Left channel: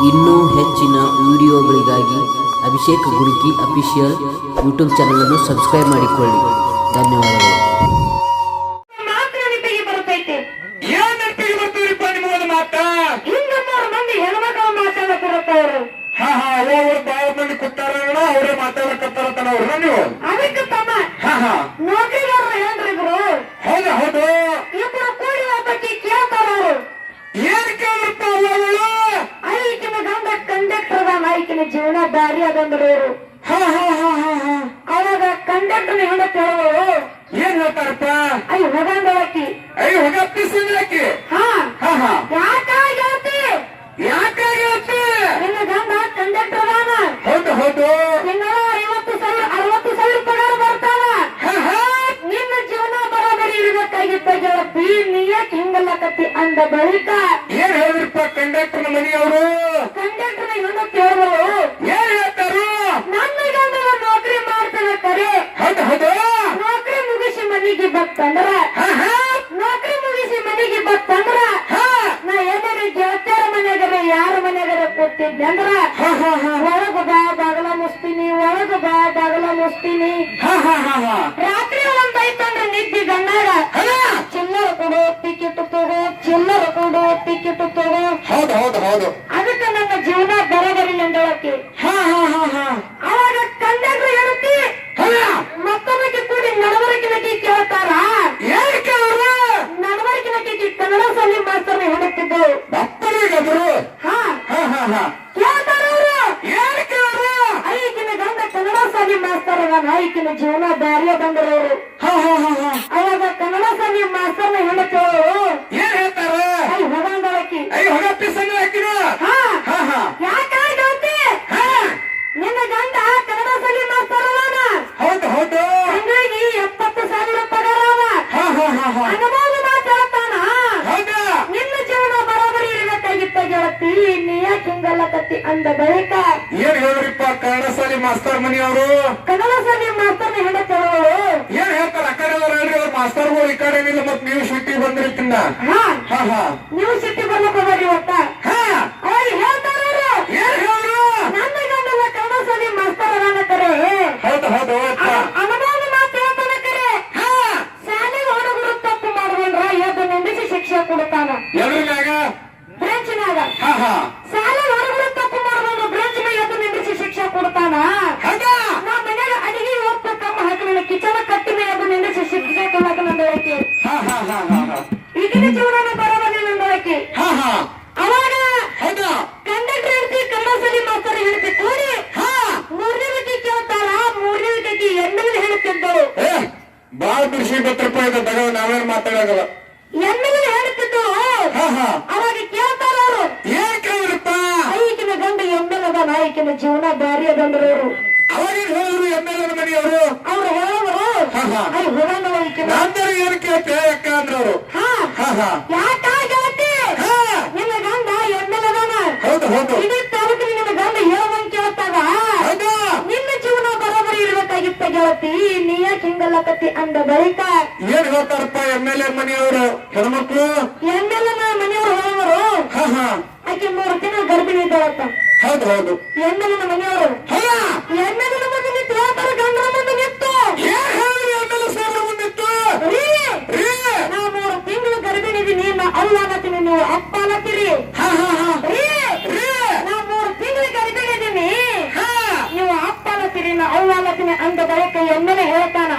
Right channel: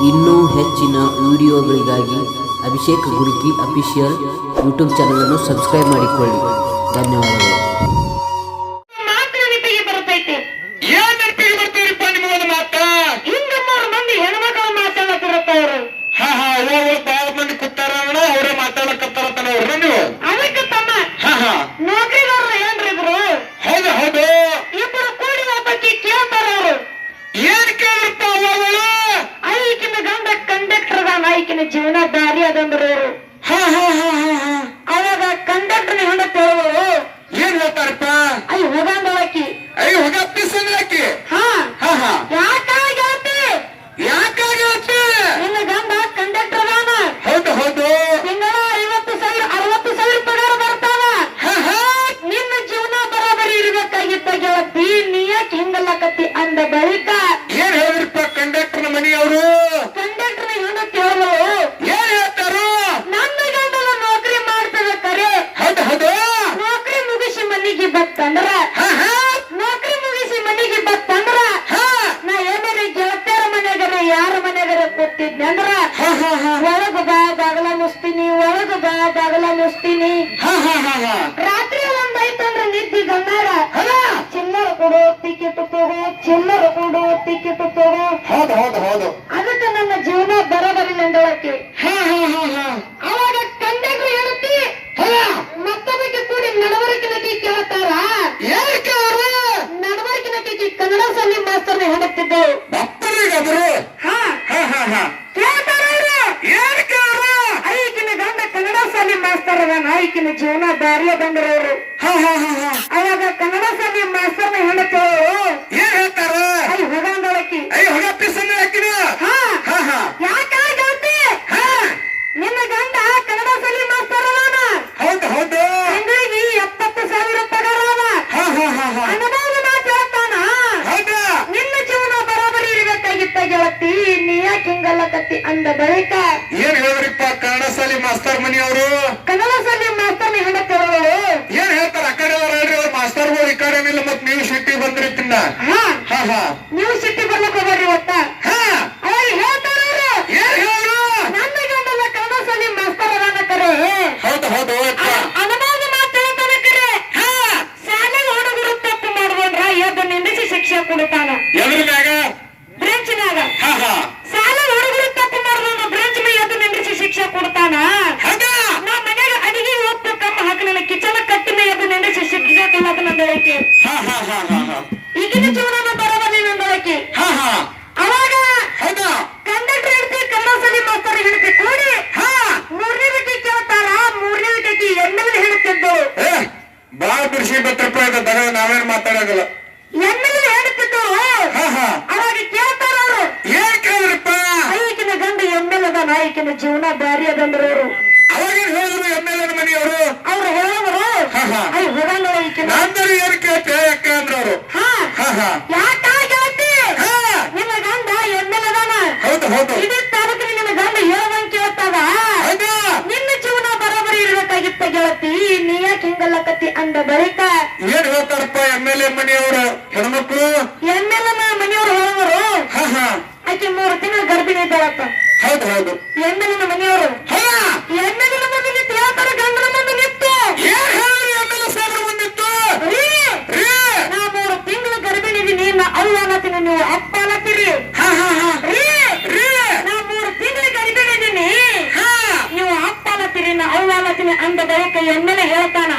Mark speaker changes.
Speaker 1: ಇನ್ನೂ ಹೆಚ್ಚಿನ ವಿಡಿಯೋಗಳಿಗಾಗಿ ಅಭಿಷೇಕ್ ಗುರುಕಿ ಅಫಿಷಿಯಲ್ ಯೂಟ್ಯೂಬ್ ಚಾನಲನ್ನು ಸಬ್ಸ್ಕ್ರೈಬ್ ಮಾಡಿಕೊಳ್ಳಿ. ಧನ್ಯವಾದಗಳು.
Speaker 2: ಹಾ ಹಾ ಅವ್ರು ಬಾಳ ಮಂದಿ ಕೂತಾರ ಅವರೇ ಮಾತಾಡಕತ್ತಾರತನ ಅವ್ರನ್ನ ನೀವು
Speaker 3: ಅದಕ್ಕೆ ತಮ್ಮ
Speaker 2: ಹಾ ಹಾ
Speaker 3: ನೌಕರಿದಾರರು ಏನ್ರಿದ್ರು
Speaker 2: ಹೌದು ಹೌದು
Speaker 3: ಇಬ್ಬರು ಕೂಡಿ ಒಬ್ಬಕ್ಕೆ ಕೇಳ್ತಾರ ಅವರು
Speaker 2: ಏನ್ ಕೇಳಿರ್ತ ಅವಳು
Speaker 3: ಐಕಿನ ಗಂಡ ಐಕಿನ ಜೀವನ ದಾರಿ ಅದಂದ್ರು ಇವ್ರು.
Speaker 2: ಹಾ ಹಾ ಹಾ ಹಾ ಹಾ.
Speaker 3: ಅವಾಗ ಕಂಡಕ್ಟರ್ ತೇಳುವರು
Speaker 2: ಏನ್ ಹೇಳ್ತಾರಪ್ಪ?
Speaker 3: ಐ ಹೋಗಂದಳಕಿ
Speaker 2: ಅಯ್ಯ ಹೋಗ ಹಾ. ಆಕಿ
Speaker 3: ಹಾ.
Speaker 2: ಹಾ ಹಾ
Speaker 3: ಯಾಕಾಗತ್ತೆ
Speaker 2: ಯಾಕಾಗತ್ತೆ
Speaker 3: ನಿನ್ನ ಗಂಡ ಕಂಡಕ್ಟರ್ ಅದಾನ.
Speaker 2: ಹೌದು ಹೌದು.
Speaker 3: ತಿಂಗಳ ಐವತ್ತು ಸಾವಿರ ಅರವತ್ತು ಸಾವಿರ ಪಗಾರ ಬರ್ತಾನ.
Speaker 2: ಹಾ ಹಾ.
Speaker 3: ನಿನ್ನ ಜೀವನ ಬರೋಬರಿ ಇರ್ಬೇಕಾಗಿದ್ದ ಗೆಳತಿ. ಹಿಂಗಲ್ಲ ಹಿಂಗಲ್ಲಕತ್ತಿ ಅಂದ ಬಳಿಕ?
Speaker 2: ಏನ್ ಹೇಳಿದ್ರಪ್ಪ ಕಂಡಕ್ಟರ್ ಮನೆಯವರು
Speaker 3: ಕಂಡಕ್ಟರ್ ಹೆಂಡ ಕೇಳಿದ್ರು
Speaker 2: ಏನ್ ಹೇಳ್ತಾರು
Speaker 3: ನನ್ನ ಗಂಡನ ನೌಕರಿ ಮಾಡ್ತದೆ ಕರೆ
Speaker 2: ಹೌದು ಹೌದು
Speaker 3: ನೌಕರಿ ಮುಗಿಸಿ ಮನೆಗೆ ಬತ್ತಂದ್ರ ನೌಕರಿ ಮುಗಿಸಿ ಮನೆಗೆ ಬತ್ತಂದ್ರ ನಾ ಏನಾರ ಗೆಳತಿಯರ ಮನೆಗರ ಯಾರ ಮನೆಗರ ಕೂತಿದ್ನಿ ಅಂದ್ರ?
Speaker 2: ಹಾ ಹಾ ಹಾ.
Speaker 3: ಒಳಗ ಬಾ ಬಾಗಲ ಮುಸ್ತೀನಿ ಒಳಗ ಬಾ ಬಾಗಲ ಮುಸ್ತೀನಿ
Speaker 2: ಹಾ ಹಾ ಹಾ ಹಾ.
Speaker 3: ರಾತ್ರಿ ಒಂದಾಯ್ತಂದ್ರ ನಿದ್ದಿ ಗಂಡಾಗ. ಚಿಲ್ಲರ ಕೊಡು ಟಿಕೆಟ್ ತಗೋ ಚಿಲ್ಲರ ಕೊಡು ಟಿಕೆಟ್ ತಗೋ.
Speaker 2: ಹೌದು ಹೌದು ಹೌದು.
Speaker 3: ಅದಕ್ಕೆ ನನ್ನ ಜೀವನ ಬರಬರಿ ನಂದಳಕ್ಕೆ.
Speaker 2: ಹಾ ಹಾ ಹಾ ಹಾ
Speaker 3: ಅವಾಗ ಕಂಡಕ್ಟರ್ ಹೇಳುತ್ತಿ ಮತ್ತೊಬ್ಬಕ್ಕೆ ಕೂಡಿ ನಡವಳಿಕೆ ನಟಿ ಕೇಳ್ತಾರ
Speaker 2: ಏನಕ್ಕೆ ಅವರು
Speaker 3: ನಡವಳಿಕೆ ನಟಿಗೆ ಕನ್ನಡ ಶಾಲೆ ಮಾಸ್ತರ್ನ ಹೇಳುತ್ತಿದ್ದು?
Speaker 2: ಭಕ್ತರಿಗಾದ್ರು
Speaker 3: ಹಾ.
Speaker 2: ಹಾ ಹಾ ಹಾ ಏನ್
Speaker 3: ಐಕಿನ ಗಂಡ ಕನ್ನಡ ಸಾಲಿ ಮಾಸ್ತರ್ ಅದಾನ ಐಕಿನ ಜೀವನ ದಾರಿಯ ಅದಂದ್ರ ಅವರು
Speaker 2: ಹಾ ಹಾ ಹಾ ಹಾ
Speaker 3: ಅವಾಗ ಕನ್ನಡ ಶಾಲೆ ಮಾಸ್ತರ್ನ ಹೇಳುತ್ತೇಳು
Speaker 2: ಏನ್ ಹೇಳ್ತಾರ
Speaker 3: ಅಲ್ಲಿ ಹೋಗಂದಳಕಿ
Speaker 2: ಅಯ್ಯ ಹೊಗ ಪಿಸನ್ನ ಹಾಕಿನ
Speaker 3: ಹಾ
Speaker 2: ಹಾ ಹಾ
Speaker 3: ಯಾಕಾಗತ್ತೆ
Speaker 2: ಹಾ
Speaker 3: ನಿನ್ನ ಗಂಡ ಕನ್ನಡ ಶಾಲೆ ಮಾಸ್ತರ್ ಅದಾನ
Speaker 2: ಹೌದು ಹೌದು
Speaker 3: ತಿಂಗಳಿಗೆ ಎಪ್ಪತ್ತು ಸಾವಿರ ಪಗಾರ ಅದ
Speaker 2: ಹಾ ಹಾ ಹಾ ಹಾ
Speaker 3: ಅನುಭವ ಮಾತಾಡ್ತಾನ
Speaker 2: ಹೌದಾ
Speaker 3: ನಿನ್ನ ಜೀವನ ಬರೋಬರಿ ಇರ್ಬೇಕಾಗಿತ್ತ ಗೆಳತಿ ನೀ ಹಿಂಗಲ್ಲಕತ್ತಿ ಅಂದ ಬಳಿಕ
Speaker 2: ಏನ್ ಹೇಳ್ರಿಪ್ಪ ಕನ್ನಡ ಸಾಲಿ ಮಾಸ್ತರ್ ಅವರು
Speaker 3: ಕನ್ನಡ ಶಾಲೆ ಮಾಸ್ತರ್ನ ಹೇಳುತ್ತೇಳು
Speaker 2: ಏನ್ ಹೇಳ್ತಾರ ಆ ಕಡೆ ಅವ್ರು ಹೇಳ್ರಿ ಅವ್ರ ಮಾಸ್ತರ್ಗಳು ಈ ಕಡೆ ಇಲ್ಲ ಮತ್ ನೀವು ಸಿಟ್ಟಿ ಬಂದ್ರಿ ತಿನ್ನ.
Speaker 3: ಹಾ.
Speaker 2: ಹಾ ಹಾ.
Speaker 3: ನೀವು ಸಿಟ್ಟಿ ಬರ್ಲಕ್ ಹೋಗ್ರಿ ಹೇಳ್ತಾರ ಅವ್ರು,
Speaker 2: ಏನ್ ಹೇಳಿದ್ರು
Speaker 3: ನನ್ನ ಗಂಡಲ್ಲ ಕನ್ನಡ ಸಾಲಿ ಮಾಸ್ತರ್ ಅದಾನ ಕರೆ.
Speaker 2: ಹೌದು ಹೌದು ಅಪ್ಪ.
Speaker 3: ಅನುಭವ ಮಾತಾಡ್ತಾನ ಕರೆ.
Speaker 2: ಹಾ.
Speaker 3: ಶಾಲೆಗೆ ಹುಡುಗರು ತಪ್ಪು ಮಾಡುವಂದ್ರ ಎದ್ದು ನಿಂದಿಸಿ ಶಿಕ್ಷೆ ಕೊಡ್ತಾನ
Speaker 2: ಎದ್ರ ಮ್ಯಾಗ
Speaker 3: ಬ್ರೆಂಚ್ನಾಗ
Speaker 2: ಹಾ ಹಾ
Speaker 3: ಶಾಲೆ ಹುಡುಗರು ತಪ್ಪು ಮಾಡುವಂದ್ರ ಬ್ರೆಂಚ್ ಮೇಲೆ ಎದ್ದು ನಿಂದಿಸಿ ಶಿಕ್ಷೆ ಕೊಡ್ತಾನ
Speaker 2: ಹೌದಾ
Speaker 3: ನಾ ಮನ್ಯಾಗ ಅಡಿಗೆ ಉಪ್ಪು ಕಮ್ಮ ಹಾಕಿ ನನ್ನ ಕಿಚನ ಕಟ್ಟಿ ಮೇಲೆ ಎದ್ದು ನಿಂದಿಸಿ ಶಿಕ್ಷೆ ಕೊಡ್ಲಾಕ ನಂದಳಕಿ
Speaker 2: ಹಾ ಹಾ ಹಾ ಹಾ ಹಾ
Speaker 3: ಈಗಿನ ಜೀವನ ಬರೋಬಲ್ಲಿ ನಂದಳಕಿ
Speaker 2: ಹಾ ಹಾ
Speaker 3: ಅವಾಗ
Speaker 2: ಹೌದಾ
Speaker 3: ಕಂಡಕ್ಟರ್ ಹೇಳ್ತಿ ಕನ್ನಡ ಶಾಲೆ ಮಾಸ್ತರ್ ಹೇಳ್ತಿ ಕೂಡಿ
Speaker 2: ಹಾ
Speaker 3: ಮೂರನೇ ವಿಕಿ ಕೇಳ್ತಾರ ಮೂರನೇ ವಿಕಿ ಎಮ್ಮೆಲ್ ಹೇಳುತ್ತಿದ್ದಳು
Speaker 2: ಏ ಬಿಡಿಸಿ ಬತ್ತಪ್ಪ ಇದು ದಗ ನಾವೇನ್ ಮಾತಾಡಂಗಲ್ಲ.
Speaker 3: ಎಮ್ಮೆಲ್ ಹೇಳುತ್ತಿದ್ದಳು
Speaker 2: ಹಾ ಹಾ.
Speaker 3: ಅವಾಗ ಕೇಳ್ತಾರ ಅವರು.
Speaker 2: ಏನ್ ಕೇಳಿದ್ರಪ್ಪ?
Speaker 3: ಐಕಿನ ಗಂಡ ಎಮ್ಮೆಲ್ ಅದ ನಾಯಕಿನ ಜೀವನ ದಾರಿ ಅದಂದ್ರು ಅವರು.
Speaker 2: ಅವಾಗೇನ್ ಹೇಳಿದ್ರು ಮನೆಯವರು?
Speaker 3: ಅವ್ರು ಹೇಳಿದ್ರು
Speaker 2: ಹಾ, ಹಾ.
Speaker 3: ಐ ಹೋಗಲ್ಲ ಐಕಿನ
Speaker 2: ನಂದರು ಏನ್ ಕೇಳ್ತೆ ಅಕ್ಕ
Speaker 3: ಹಾ. ಯಾಕಾಗತ್ತೆ
Speaker 2: ಹಾ.
Speaker 3: ನಿನ್ನ ಗಂಡ ಎಮ್ಮೆಲ್ ಅದಾನ.
Speaker 2: ಹೌದು ಹೌದು
Speaker 3: ಇಡೀ ತಾಲೂಕಿನ ನಿನ್ನ ಗಂಡ ಹೇಳುವಂಗ್ ಕೇಳ್ತಾವ
Speaker 2: ಹೌದಾ
Speaker 3: ನಿನ್ನ ಜೀವನ ಬರೋಬರಿ ಗೆಳತಿ ನೀ ಯಾಕೆ ಹಿಂಗಲ್ಲಕತ್ತಿ ಅಂದ ಬಳಿಕ
Speaker 2: ಏನ್ ಹೇಳ್ತಾರಪ್ಪ ಎಂ ಎಲ್ ಎ ಮನೆಯವರು ಹೆಣ್ಮಕ್ಳು?
Speaker 3: ಎಮ್ಮೆಲ್ ಮನೆಯವರು ಹೇಳುವರು
Speaker 2: ಹಾ ಹಾ.
Speaker 3: ಆಕೆ ಮೂರು ತಿಂಗಳು ಗರ್ಭಿಣಿ ಇದ್ದಾಳಪ್ಪ
Speaker 2: ಹೌದು ಹೌದು.
Speaker 3: ಎಮ್ಮೆಲ್ನ ಮನೆಯವರು?
Speaker 2: ಎಂ
Speaker 3: ಎಲ್ ಎ ಮುಂದೆ ನಿಂತು ಹೇಳ್ತಾರ ಗಂಡನ ಮುಂದೆ ನಿಂತು?
Speaker 2: ಎಂ ಎಲ್ ಎ ಸಾಹೇಬ್ರ
Speaker 3: ರೀ.
Speaker 2: ರೀ.
Speaker 3: ನಾ ಮೂರು ತಿಂಗಳು ಗರ್ಭಿಣಿ ಇದೀನಿ ಅಲ್ಲ ಅನ್ನತ್ತೀನಿ ನೀವು ಅಪ್ಪ ಅನ್ನತ್ತೀರಿ
Speaker 2: ಹಾ ಹಾ ಹಾ
Speaker 3: ರೀ
Speaker 2: ರೀ
Speaker 3: ನಾ ಮೂರು ತಿಂಗಳು ಗರ್ಭಿಣಿ ಇದೀನಿ
Speaker 2: ಹಾ
Speaker 3: ನೀವು ಅಪ್ಪ ಅನ್ನತ್ತೀರಿ ನಾ ಅವ್ವ ಅನ್ನತ್ತೀನಿ ಅಂದ ಬಳಿಕ ಎಮ್ಮೆಲೆ ಹೇಳ್ತಾನ?